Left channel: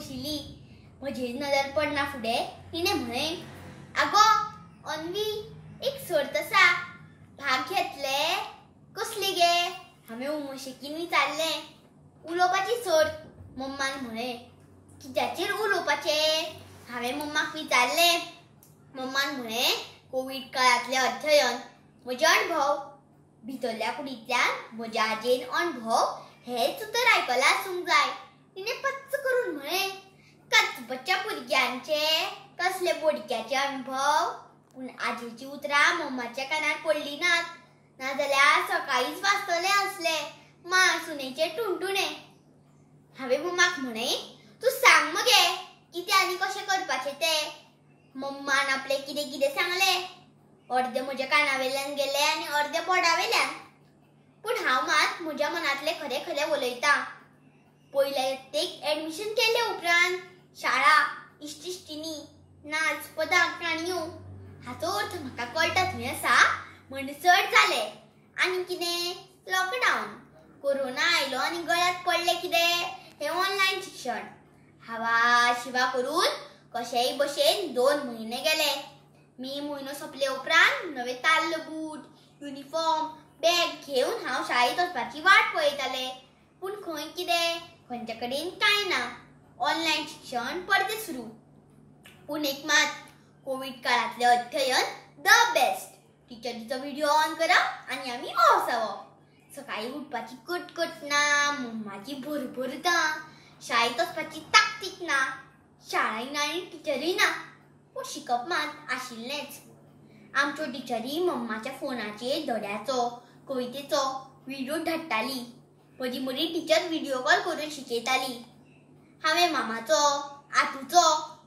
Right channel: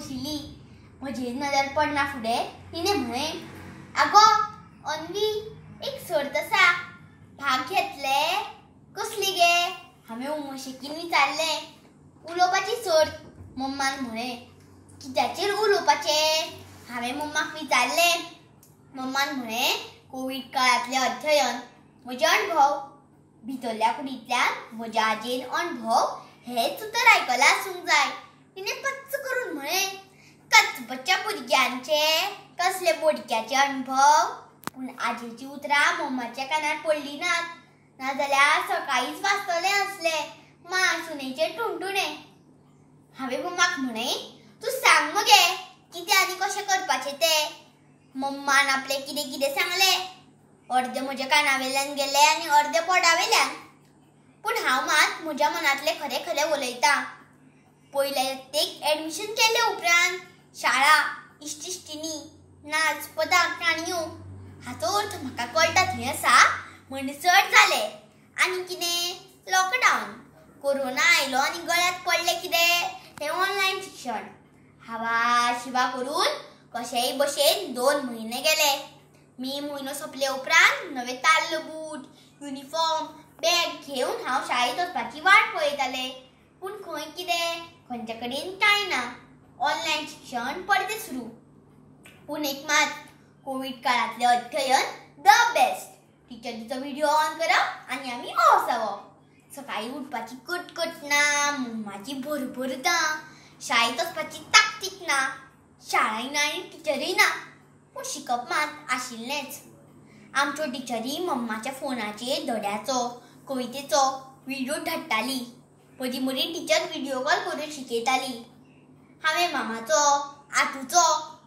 बशिल्ली. म्हजी नदर पडना फुडें तिणें म्हळें, आगो अन्वी, एक सर्त आसा, भाग घेतले? कसली गे? हांवें उमळशिकेन विचारलें. उलोवपाची सर्त, मम्मान म्हळें. कित्याचेर उलोवपाचें? हांवें मम्माक विचारलें. मम्मान म्हळें, कोविड काळांतलें अध्ययन, म्हजे अणभव. भितरल्या कुडींतल्यान म्हज्या आजयेन अणभव हेच उतर आयकलां आसूंक जाय. तिणें पच्च करून म्हळें, कचपच्या भुरग्यांचे कसले बोडक्याचे अणभव. पूण आजयेची उतरां मम्माच्या कानार पडलीं नात, नाजाल्यार सकाळींच वाचतलें आसलें मासूनेचे टुणटुणे. हांवें मम्माक म्हळें, तूं सांग मगे कितें आनी कशें करपाचें तें. मम्मान आपलें कितें कितें सांगलें. अर्दे म्हज्या कानावेल्यान गेले आनी अर्दे पोटावेल्यान. पूण हांव मात म्हज्या मनांतलें खरें खरें उलयतां. पयल्या यत्तेक एडमिशन केले उपरांत शाळा, इश्टिश्टिणी, नाच, पदां, काणयो हाचो अर्थ म्हाका कळटा थंय आसा म्हणसर जालें. आनी कितें? लॉकडावन. कोरोना आयलो आनी गळ्यात पडलें कितें? तें ऑनलायन शिक्षण. हावा शिवा करून कशेय भशेन 2 म्हयने गेले. मे म्हयनो सोंपले उपरांत नवे ताल्ल बूट, युनिफॉर्म, बॅग घेवन हांव शाळेंत वचपाची वाट पळयतालें. पूण खंय कितें? खंयचे कडेन कांय ना. ऑनलायन शिक्षण परते सुरू. पूण एक मात, कोविड काळांतलें अध्ययन द बेस्ट. टिचरीचो व्हिडिओ ऑन करप आनी आमी ऑफ जावप. सकाळीं उठपाची कटकट ना, मम्माची भरभर ना, शाळेंत वचपाची ताकतीक ना, शाळाय ना आनी टिचरूय ना. पूण शिकप मात आशिल्लेंच. आमच्यो टिचरी मम्माच्या फोनाचेर धड्याचो, कवितेचो व्हिडिओ धाडटाली. मदीं मदीं टिचर व्हिडिओ कॉल करून शिकयताली. हांवें मामाचो, आतूचो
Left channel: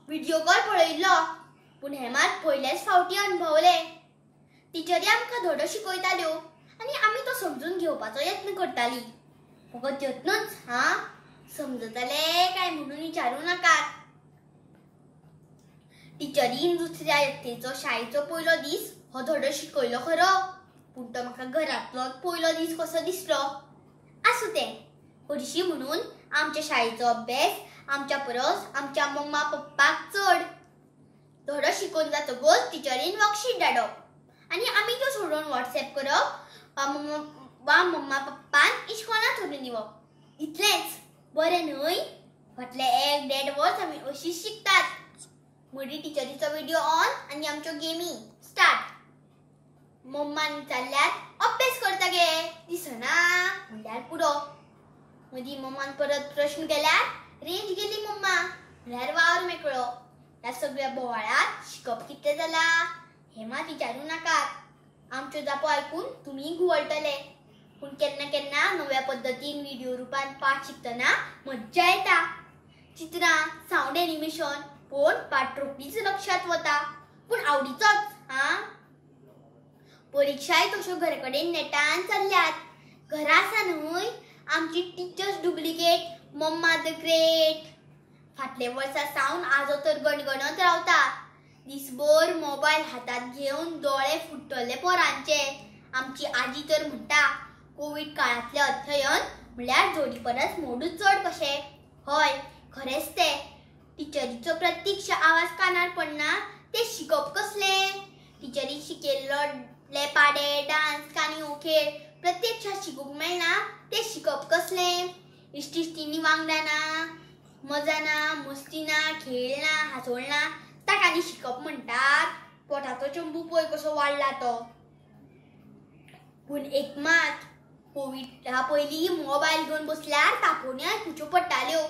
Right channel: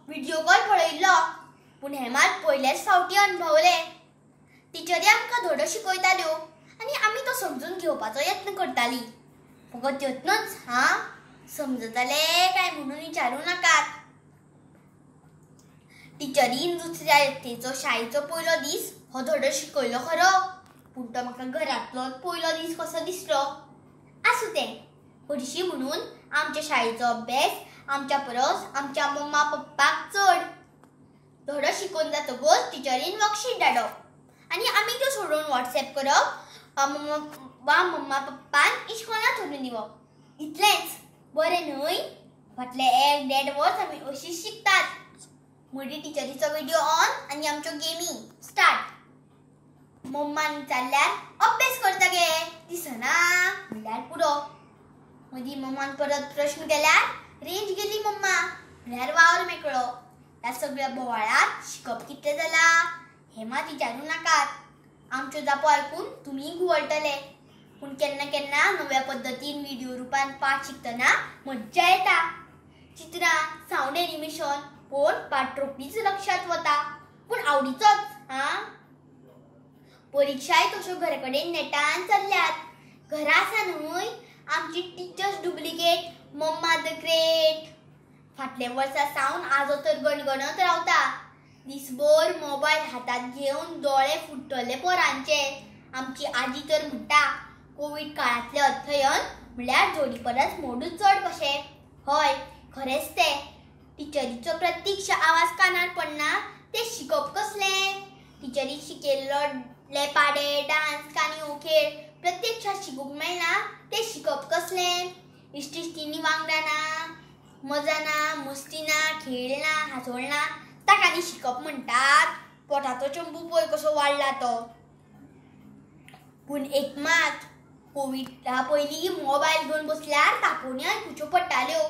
व्हिडिओ कॉल पळयल्लो. पूण हें मात पयलेच फावटी अणभवलें. टिचरी आमकां धडो शिकयताल्यो आनी आमी तो समजून घेवपाचो यत्न करताली. फकत यत्नच हां, समजतालें काय म्हणून विचारूं नाकात. टिचरीन दुसऱ्या यत्तेचो शाळेचो पयलो दीस हो धडो शिकयलो खरो, पूण तो म्हाका घरांतलो पयलो दीस कसो दिसलो. आसूं तें, हरशीं म्हणून आमच्या शाळेचो अभ्यास आमच्या परस आमच्या मम्मा पप्पाक चड. धडो शिकोवन जातकच टिचरीन वर्कशीट धाडप आनी आमी त्यो सोडोवन वॉट्सॅप करप वा मम्मा पप्पान इश्कोलांत व्हरून दिवप. इतलेंच बरें न्हय? फाटले 1-1.5 वर्स आमी अशींच शिकतात. मदीं टिचरीचो व्हिडिओ ऑन आनी आमच्यो गेमी स्टार्ट. मम्मान विचारल्यार अभ्यास करता गे दिसना म्हणल्यार पुरो. मदीं मम्मान परत प्रश्न केल्यार रेंज गेली मम्मा म्हणल्यार वावर मेकळो. ह्या सगळ्या बोवाळात शिकप कितें जालां हें मात विचारूं नाकात. आमच्यो जापो आयकून तुमीय घुंवळटले. पूण केन्ना केन्ना नव्या पद्दतीन व्हिडिओ रुपान पाठ शिकतना मज्जा येता. चित्रां, सावंड एनिमेशन पळोवन पाठ रोखडीच लक्षात वता. पूण आवडीचोच हां. परीक्षाय तश्यो घरा कडेन नेटान चल्ल्यात. घरा आसा न्हय आमची teachers duplicate mamma the great. फाटले वर्सा सावन आजो तर गणगणत रावता. दिसभर मोबायल हातांत घेवन दोळे फुट्टले पोरांचे. आमची आजी तर म्हणटा, कोविड काळांतलें अध्ययन म्हणल्यार जोडी परस मोडूच चड कशें. हय, खरेंच तें. टिचरीचो प्रत्यक्ष आवाज कानार पडना तें शिकप कसलें? टिचरी शिकयल्ले पाडे, डान्स, काणयो, खेळ प्रत्यक्षात शिकूंक मेळना तें शिकप कसलें? इश्टिश्टिणी वांगडा ना, मजा ना, मस्ती ना, खेळ ना, हांसोळ ना, ताका न्ही शिकप म्हणटात. पोटाचो चंबू पळय कसो वाडला तो. पूण एक मात, कोविडा पयलीं मोबायल घेवन बसल्यार तापोवण्यो आयकुच्यो पडटाल्यो.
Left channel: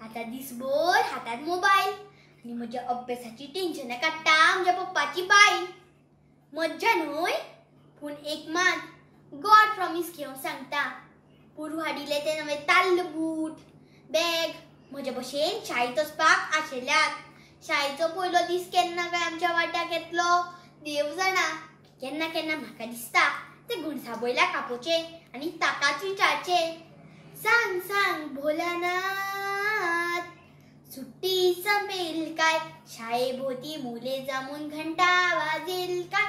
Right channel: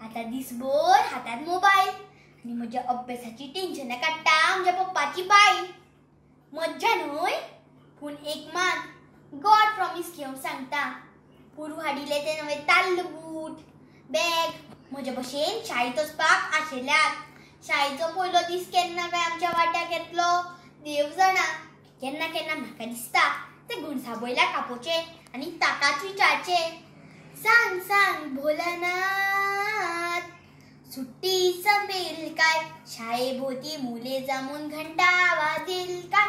आतां दिसभर हातांत मोबायल आनी म्हज्या अभ्यासाची टेन्शनां काडटा म्हज्या पप्पाची बायल. मज्जा न्हय? पूण एक मात, गॉड प्रॉमिस घेवंक सांगता. पोरू हाडिल्ले ते नवे ताल्ल बूट, बॅग म्हजे भशेन शाळेंत वचपाक आशिल्ल्यात. शाळेचो पयलो दीस केन्ना काय आमच्या वाट्याक येतलो देव जाणा. केन्ना केन्ना म्हाका दिसता ते घुणसावयल्याक आपोवचे आनी ताकाच विचारचे, सांग सांग भोलानाथ, सुट्टी संपेल काय? शाळेभोवती मुले जमून घंटा वाजेल काय?